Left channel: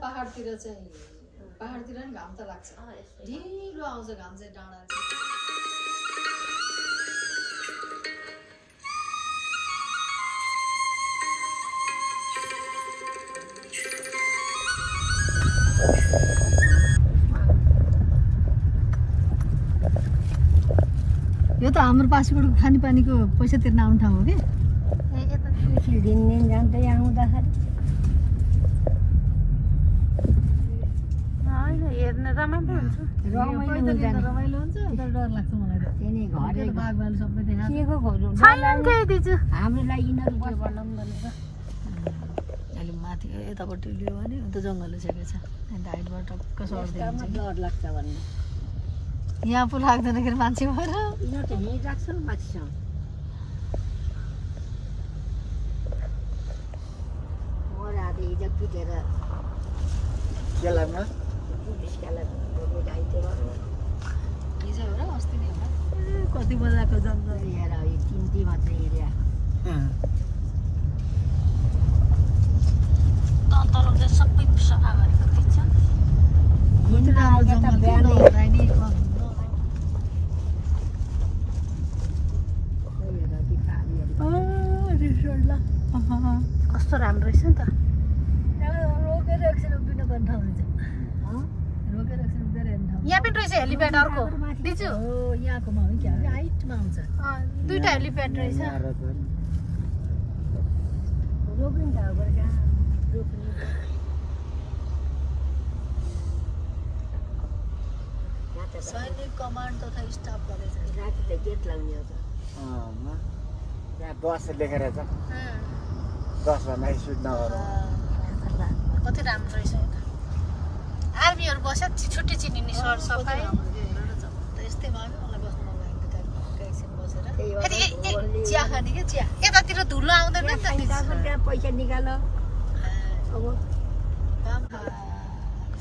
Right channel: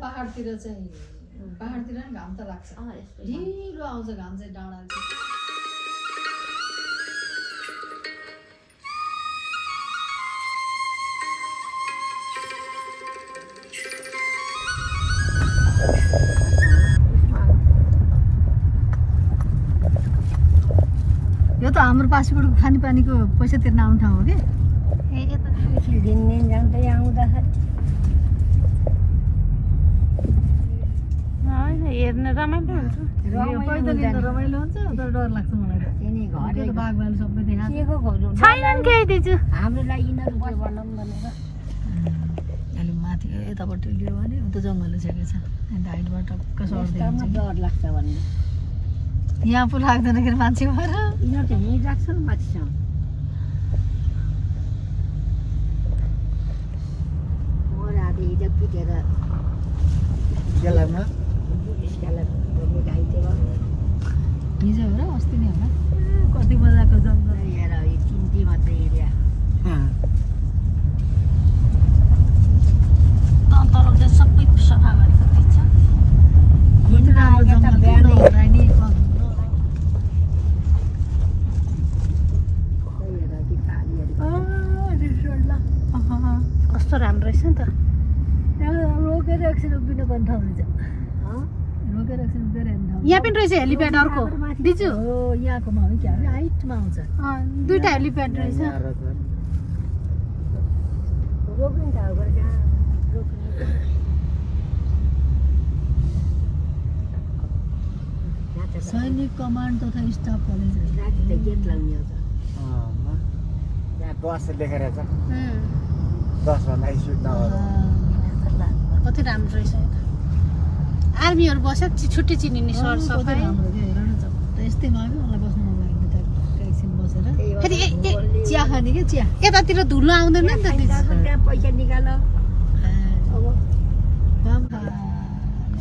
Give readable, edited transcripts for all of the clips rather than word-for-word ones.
पहाडतिर चाहिँ पहाडतिर नि घाम त लाग्छ ढिलो आउँछ घाम चाहिँ डाँडा यो त हाम्रो पासीबाट खानेपानीको पैसा तिर्न आउने ठाउँ हो कि दिन जाँदै आउँदाखेरि हेर्न रमाइलो हुन्छ रमाइलो हुन्छ तर डर लाग्छ मलाई घरको बागवान सबै हाम्रो लागि यिनीहरू बनाउँ भनेर अहिले माथि यतापट्टि लियो भने उता जङ्गलले सकेछ हाइटबाट टक्क सर्दै डर लाग्छ भन्ने यहाँ पो लाग्दैन कि मान्छे भएर यहाँ त यहीँ राख्छ नि माथिसम्म हिजो हो र अस्ति नै होला कति मजाको जङ्गल हेर तिनटी मात्रै एरिया तल सबै सफा गरेको रहेछ कस्तो राम्रो रहेछ नि त रोकेर एकछिन उभिनु पर्ने ठाउँ हुन्छ रोकेर एकछिन उभिएर हेर्ने ठाउँ यहाँ पनि रहेछ हेलिप्याड अर्को दिजु यहाँकोमा हो क्या हाइटमा आउँछ दुईटा हेलिप्याड रहेछ रोक्ने ठाउँ सैनिक कमान्ड तथा स्टाफ कलेज गेट लाग्ने हो बस लेखेर छ बसमा नाइट सुट नहोला कति राम्रो रहेछ यो त आर्मीहरू बस्छ छुट्टी चिनिने सर सफाइ यस्तै भयो मलाई बस्नु मन लाग्दैन एकछिन बसेर फेरि चिया खाने क्या चिया यतातिर धुलो आउँदैन नि त पैसा निकाल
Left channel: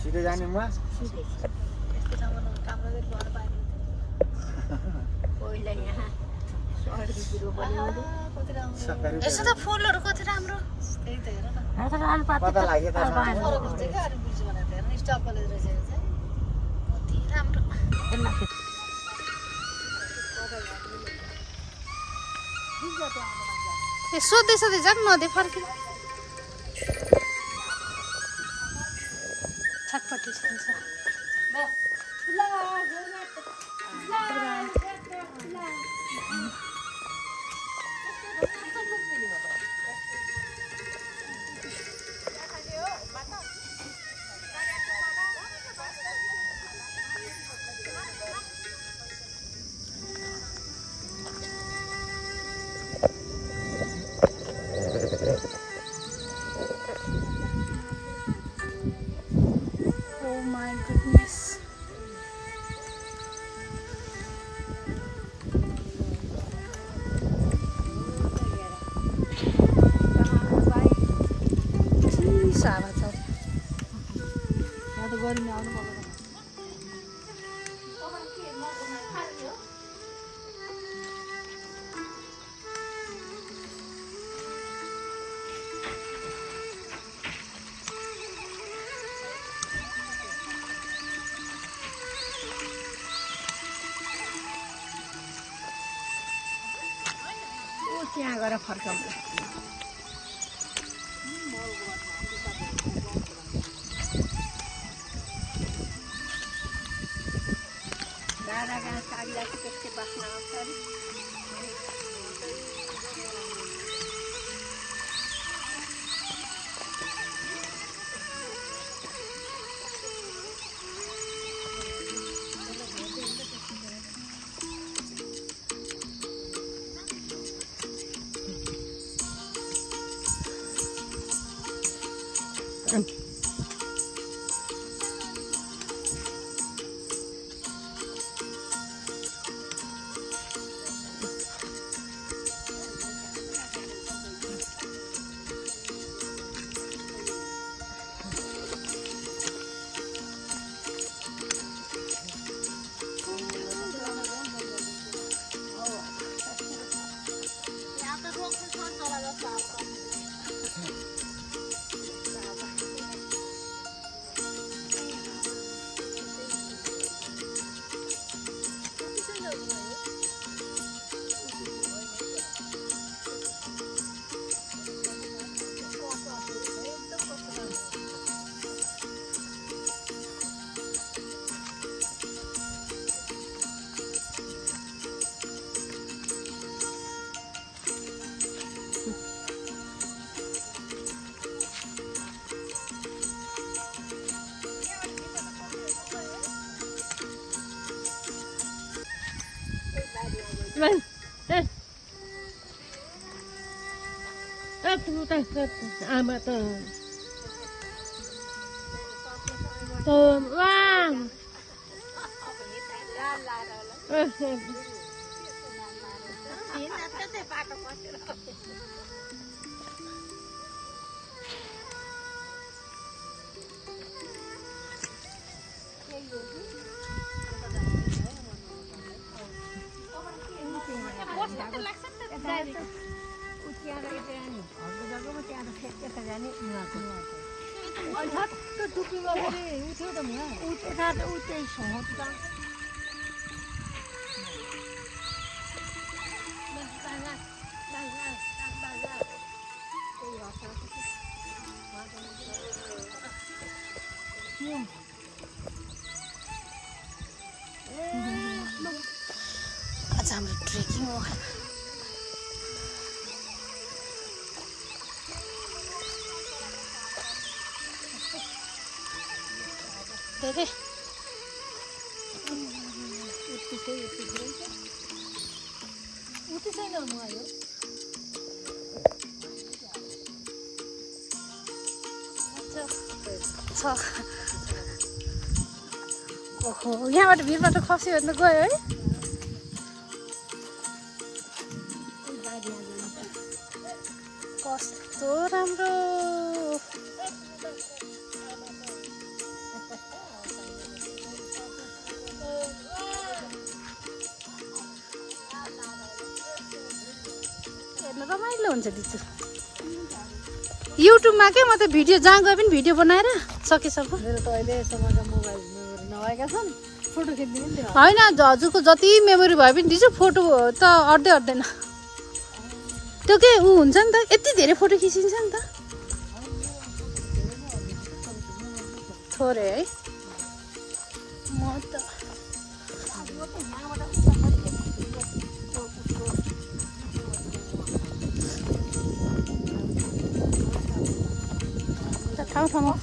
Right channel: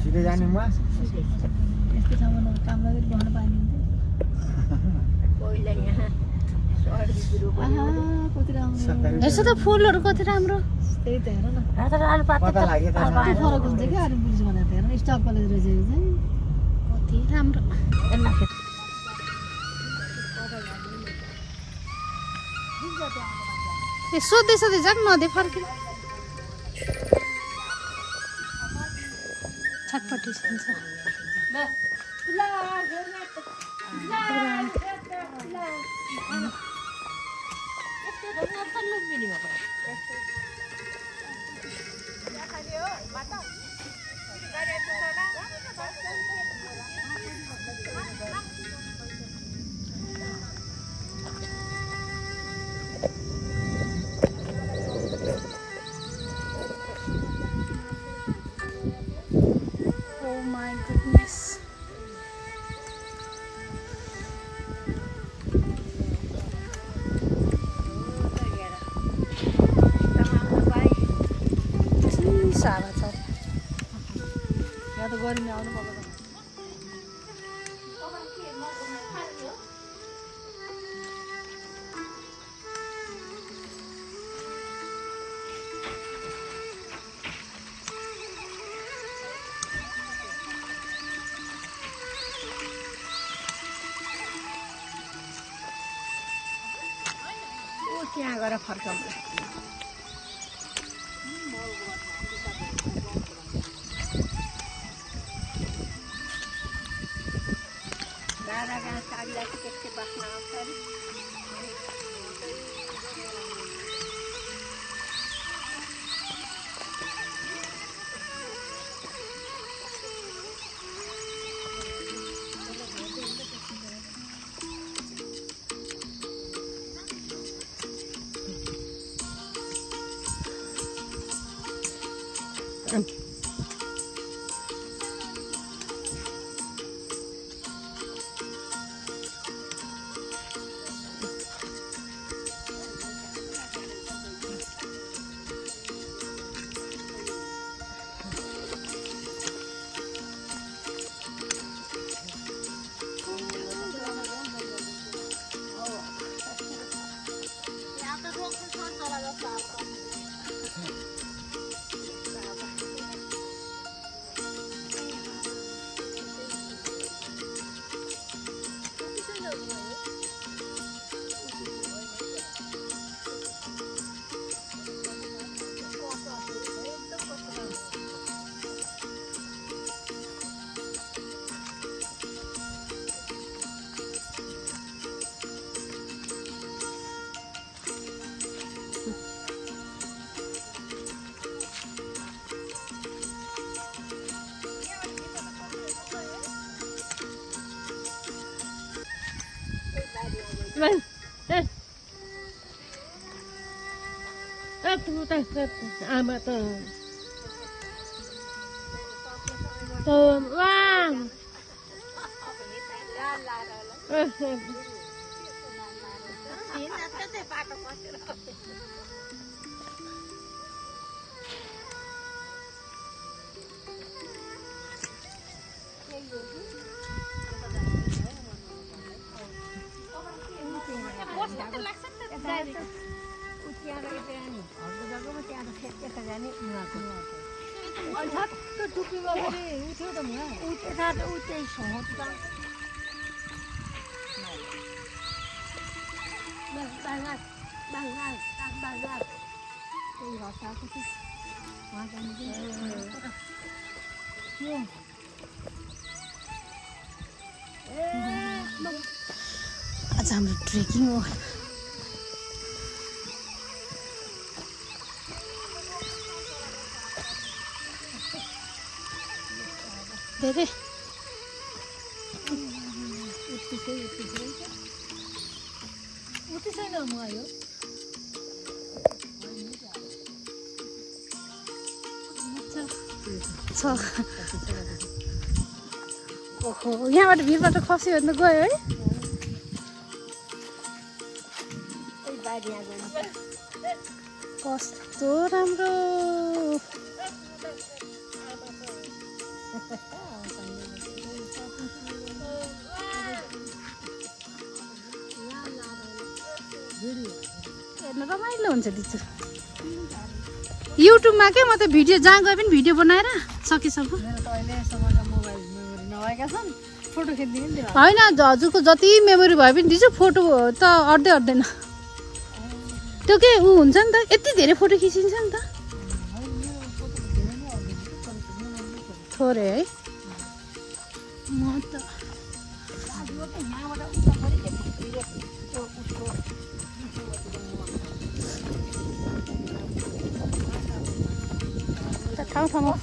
सिधै जानुमा यस्तो ठाउँमा काम गरेर बस्न पाइने पहिला यहाँ यसो त फुलहरू कति राम्रो त्यही त हेर न पता लाग्यो त फरक हुन्छ क्या अरू पुलिस भनेर हेर न स्टाफ कलेज रहेछ यो चाहिँ कति राम्रो सोध्दै सोध्दै जाऊँ नदे फर्किनु छटपटी हुन्छ Oh my goodness. सारा छ यहाँ त गर्मी आउनु पर्दैन त्यहाँ गएर फर्काउँ दादा कहाँ कागलाई त्यस्तै बास्न आउँछ अरे Vâng. Đây. Mà tờ. Vâng. आज हाम्रो ट्रेकिङ हो धेरै ओहो यहाँबाट भिरबाट खसी हेर्नु गयो है कस्तो राम्रो हेर्न रमाइलो हुन्छ दिदी युट्युबमा के म त भिडियो जहाँ गए पनि भिडियो बनाएर सकेसम्म होइन हजुरको जति मेमोरी भए पनि दिन्छु फोटो त अट्दै अट्दैन त्यो के ऊ हुन्छ नि त यति धेरै फोटो खिचिन्छ नि त थोरै है म त ठाउँ ठाउँमा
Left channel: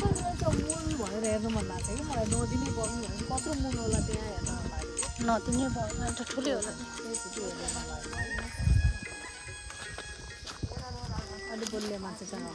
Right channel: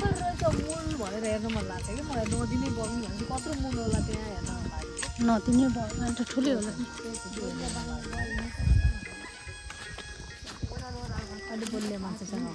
नदिने भयो त ठुलै होला नि अलि बोल्ने मान्छेसँग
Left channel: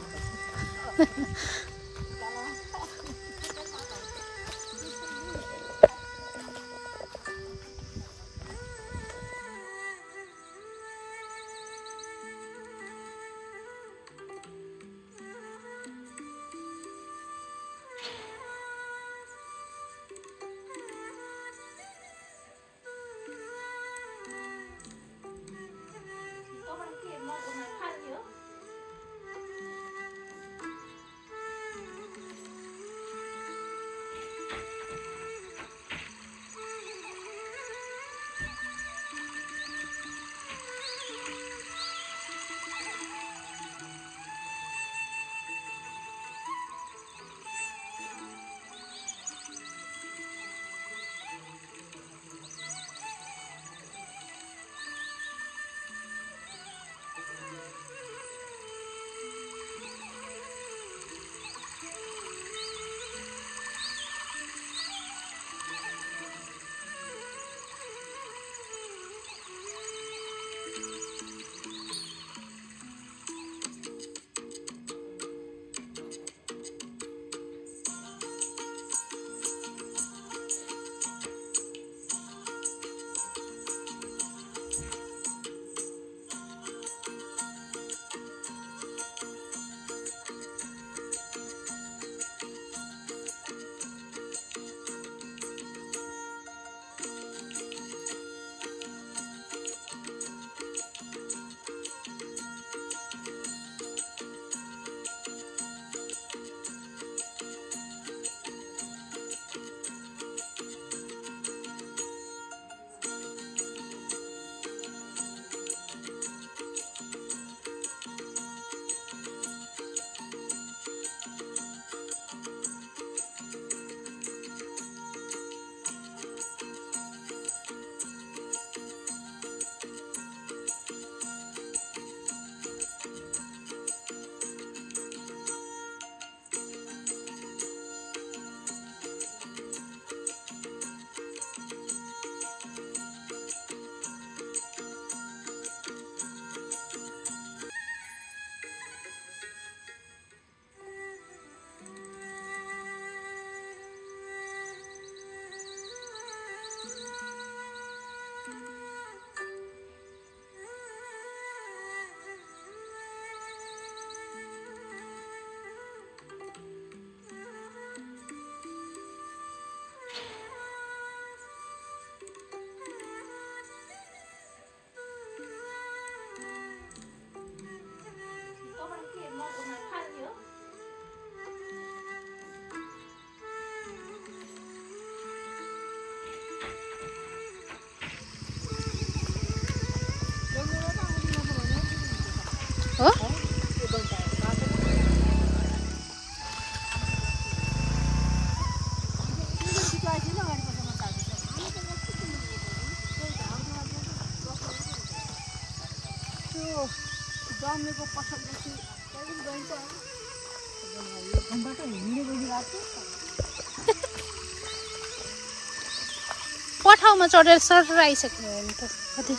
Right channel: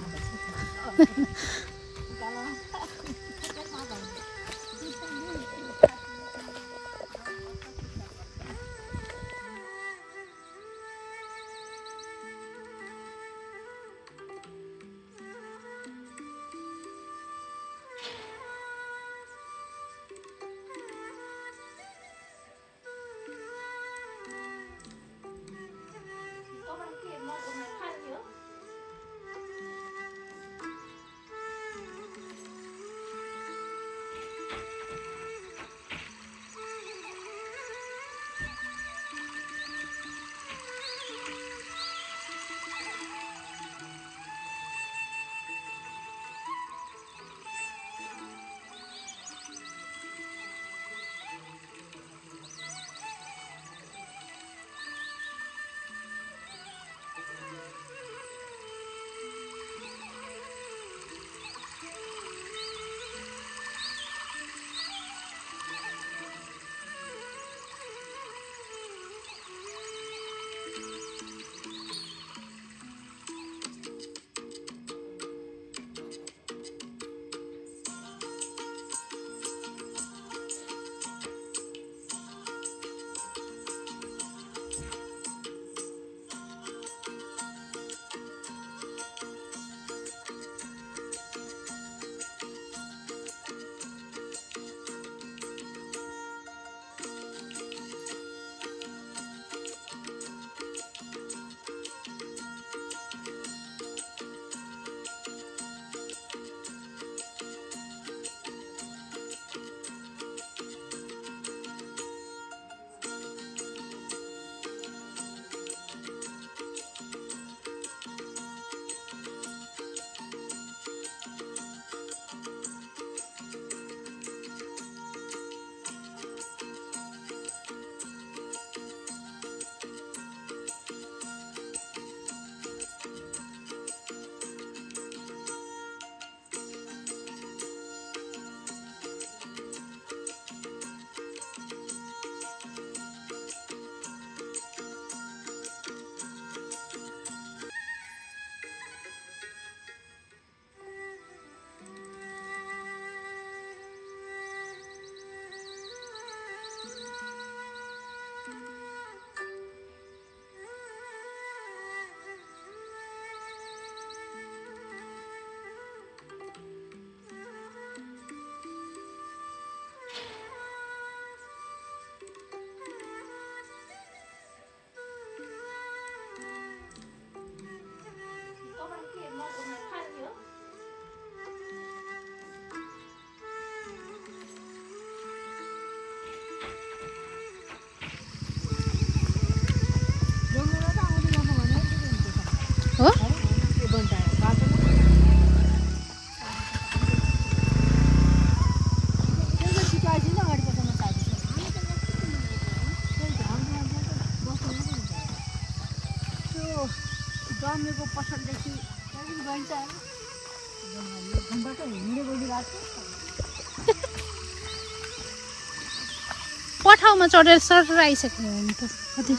ठाउँमा चढेर सर आइसक्नु भयो नि त कति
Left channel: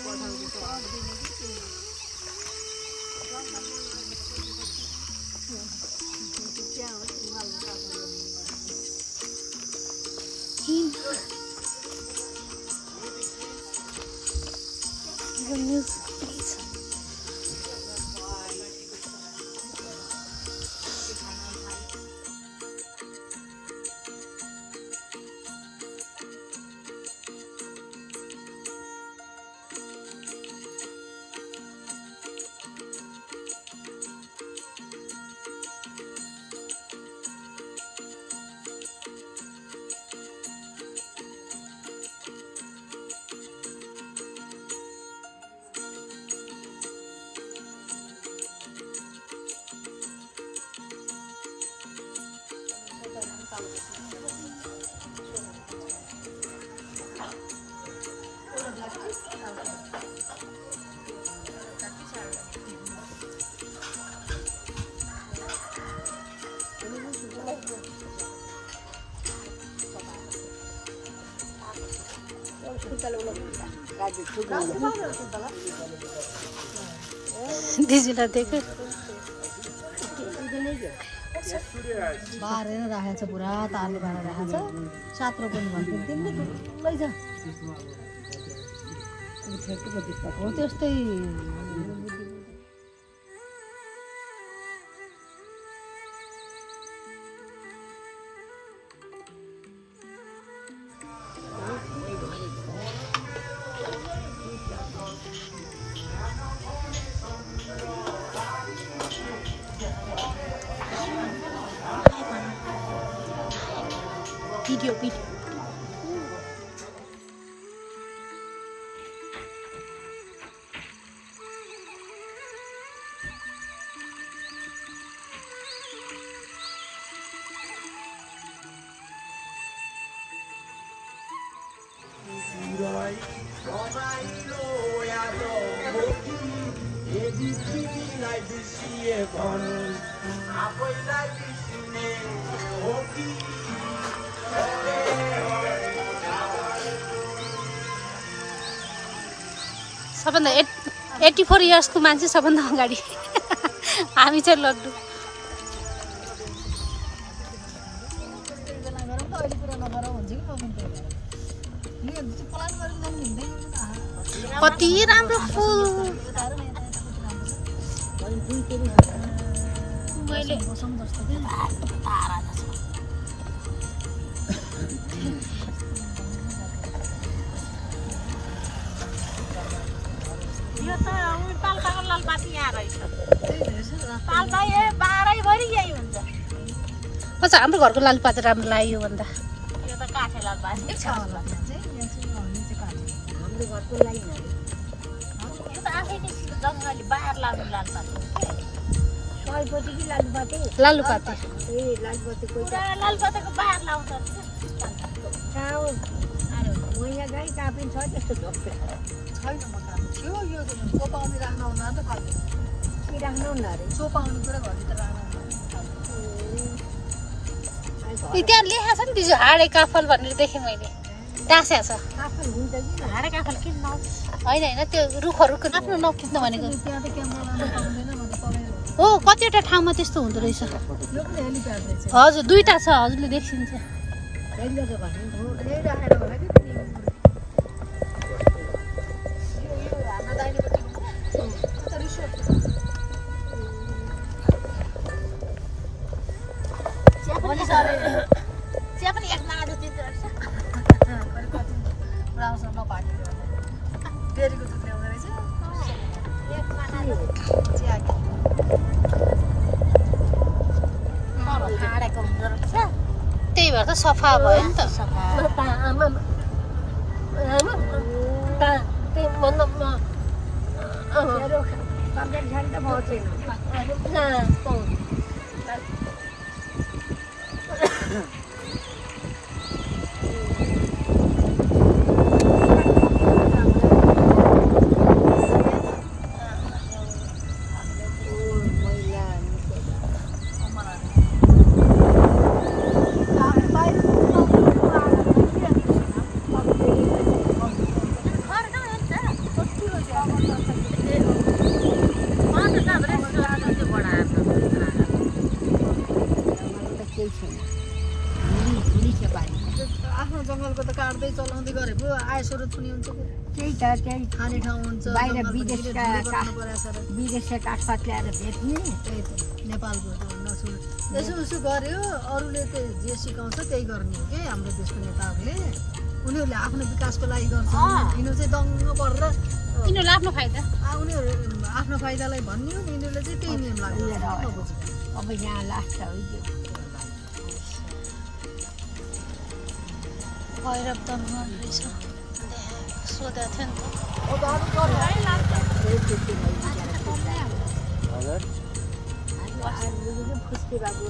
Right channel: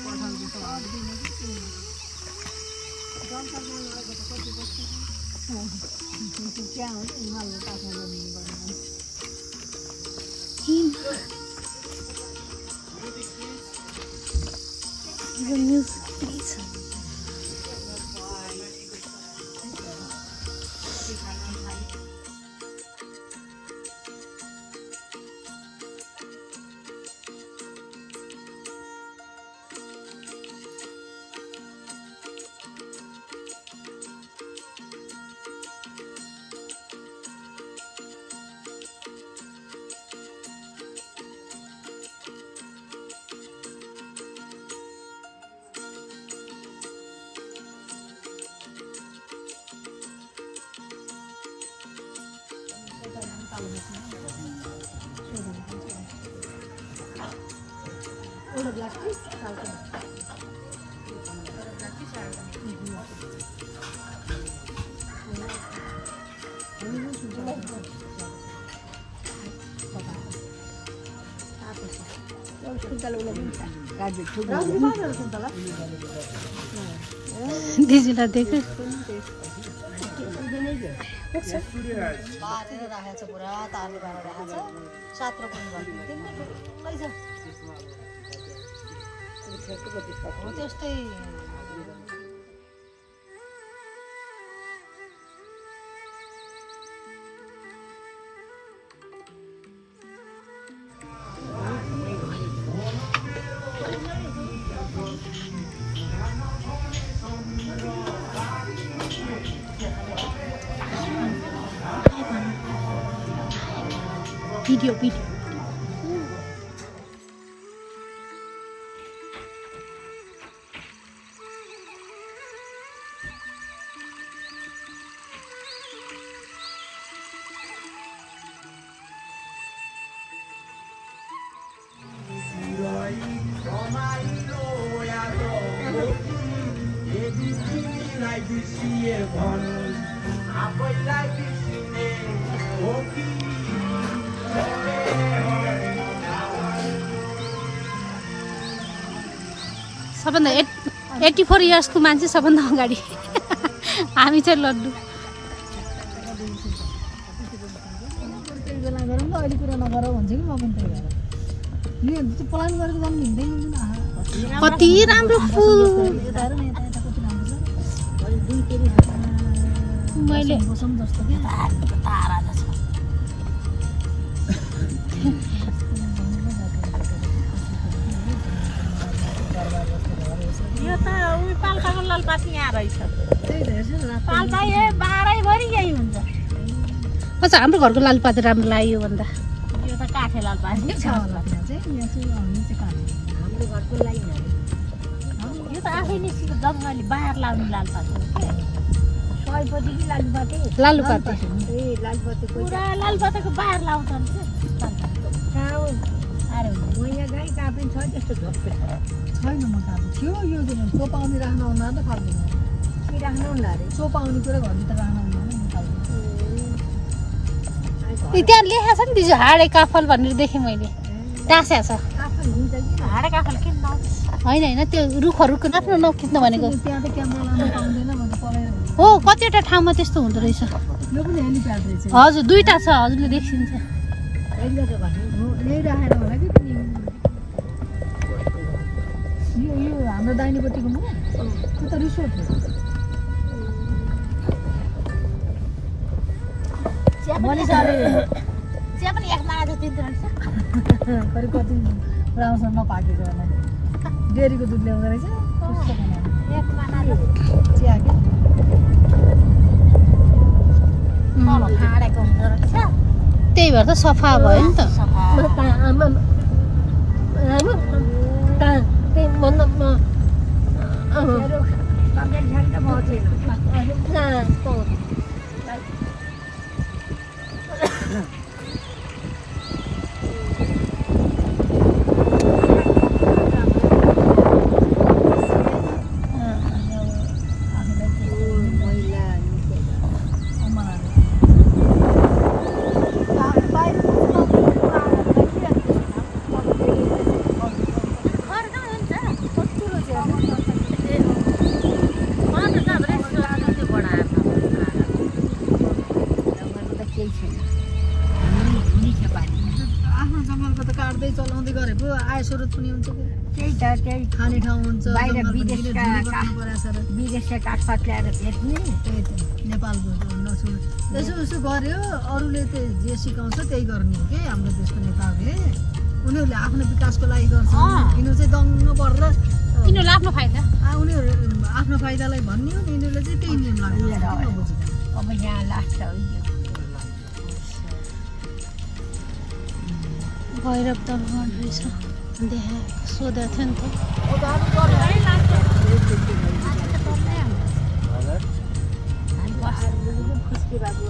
दिदीलाई देख्यो बारेर राखेको छ पुरा तालले बाँधेको छ 7 रुपैयाँ त्यस्तै video. सबभन्दा 84 इयर्सको मान्छे सबभन्दा अगाडि हामी चाहिँ लड्डु कति राम्रो फुल मैले अच्छा हाम्रो घरको लालुपाते राम्रो लाग्यो भन्दा यो त काठे लालुपाते छ होला त्यहाँ चाहिँ यहाँ चाहिँ हाम्रो घरको लागि यो त आफैले जङ्गली बाहिर लाग्ने लालुपाते सयपति कि लालुपाते लालुपाते ए लालुपातेको पुरा लालुपातेको बाहिर लाउँछ नि काउ अरे मैया गाई कापिन छ त्यस्तो झोप्पे छैन म काम थियो यो त सोपाउने राख्न आउन त पर्दैन कि राख्न आउन अरे सोपाउने कुरा घरभित्र राख्न आउन त्यहाँ लेखा छ नि दिजु हाडे काफल भनेर देखेँ मैले टाँस्या छ हाडे काफल किन्न होइन होइन त्यो रुखहरूको आफ्नो नखिच्न भनेको हो कतिवटा ठाउँमा त्यस्तो हुँदो रहेछ हजुर दुईटा छ हजुरले देखिन्छ यो हाम्रो दाहिनेपट्टिको त्यो त रिसोर्ट हो चिया पनि एक माना जति रहेछ कति राम्रोसँग नपाकेको होला डेरीको दुध ल्याउँदो रहेछ चिया त्यही भएर त सफा भयो नि त जङ्गलको त काट्दै चलाउँदै गरेको आय स्रोत पनि हुन्छ त्यही त त्यही खाने ठाउँ हुन्छ बाहिर विदेशका काठपात ल्याएर बेच्ने त्यही त नेपालको यसो उसो गर्यो अरूले जे सिकाउँछ त्यही गर्ने हो कि हाम्रो देशको नेताहरूले उनीहरूले आफ्नो विकासको लागि गर्छ यिनीहरू चाहिँ दङ्ग परेर यिनीहरूले आफ्नो फाइदा उनीहरू आफ्नो फाइदालाई भन्ने हो यिनीहरूले चाहिँ त्यही नियम लाग्छ अब यहाँ लास्ट हो भैरव दलवन रहेछ देखा सोधेको थियो नि त खुसी भएको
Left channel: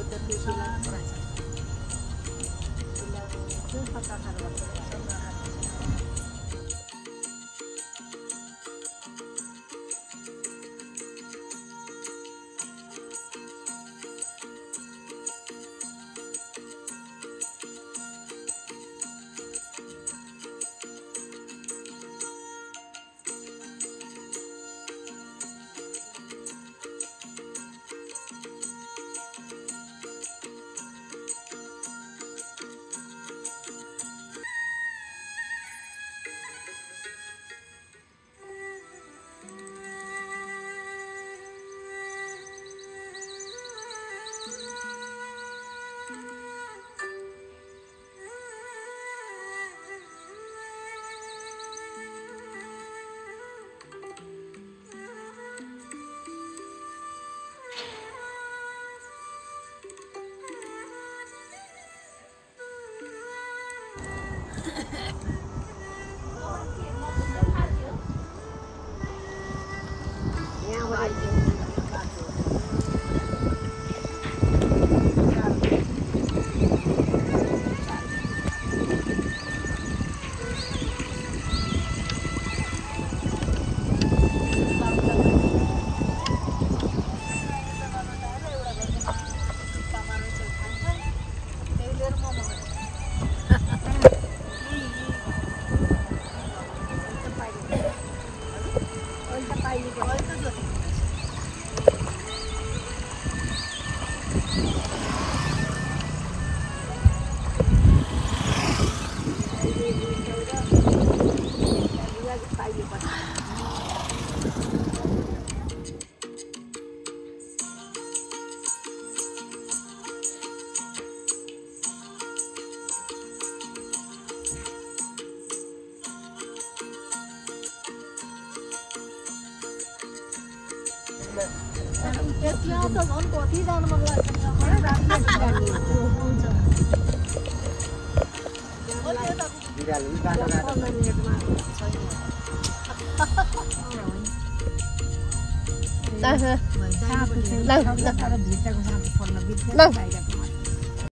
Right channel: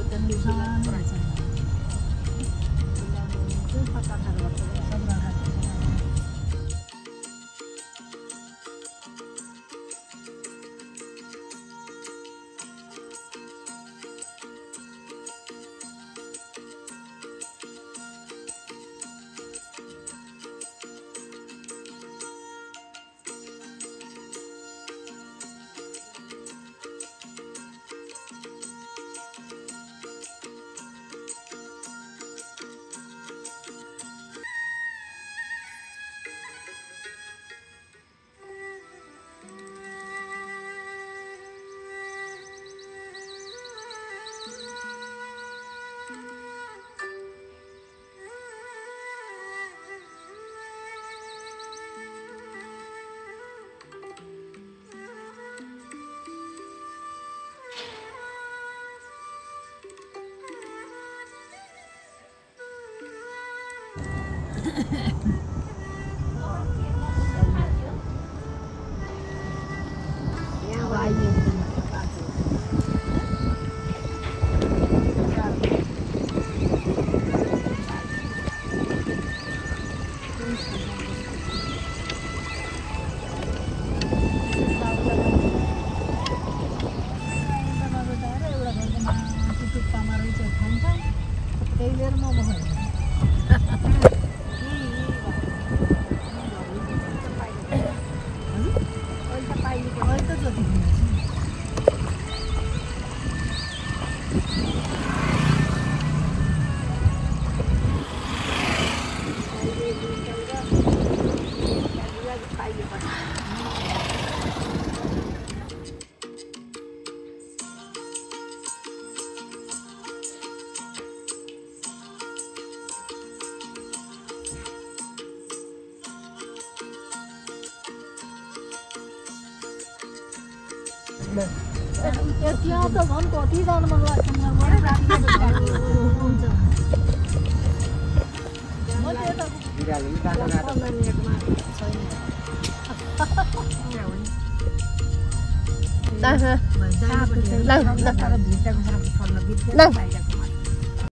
त्यहाँ त झन् कति जानु मन लाग्छ ल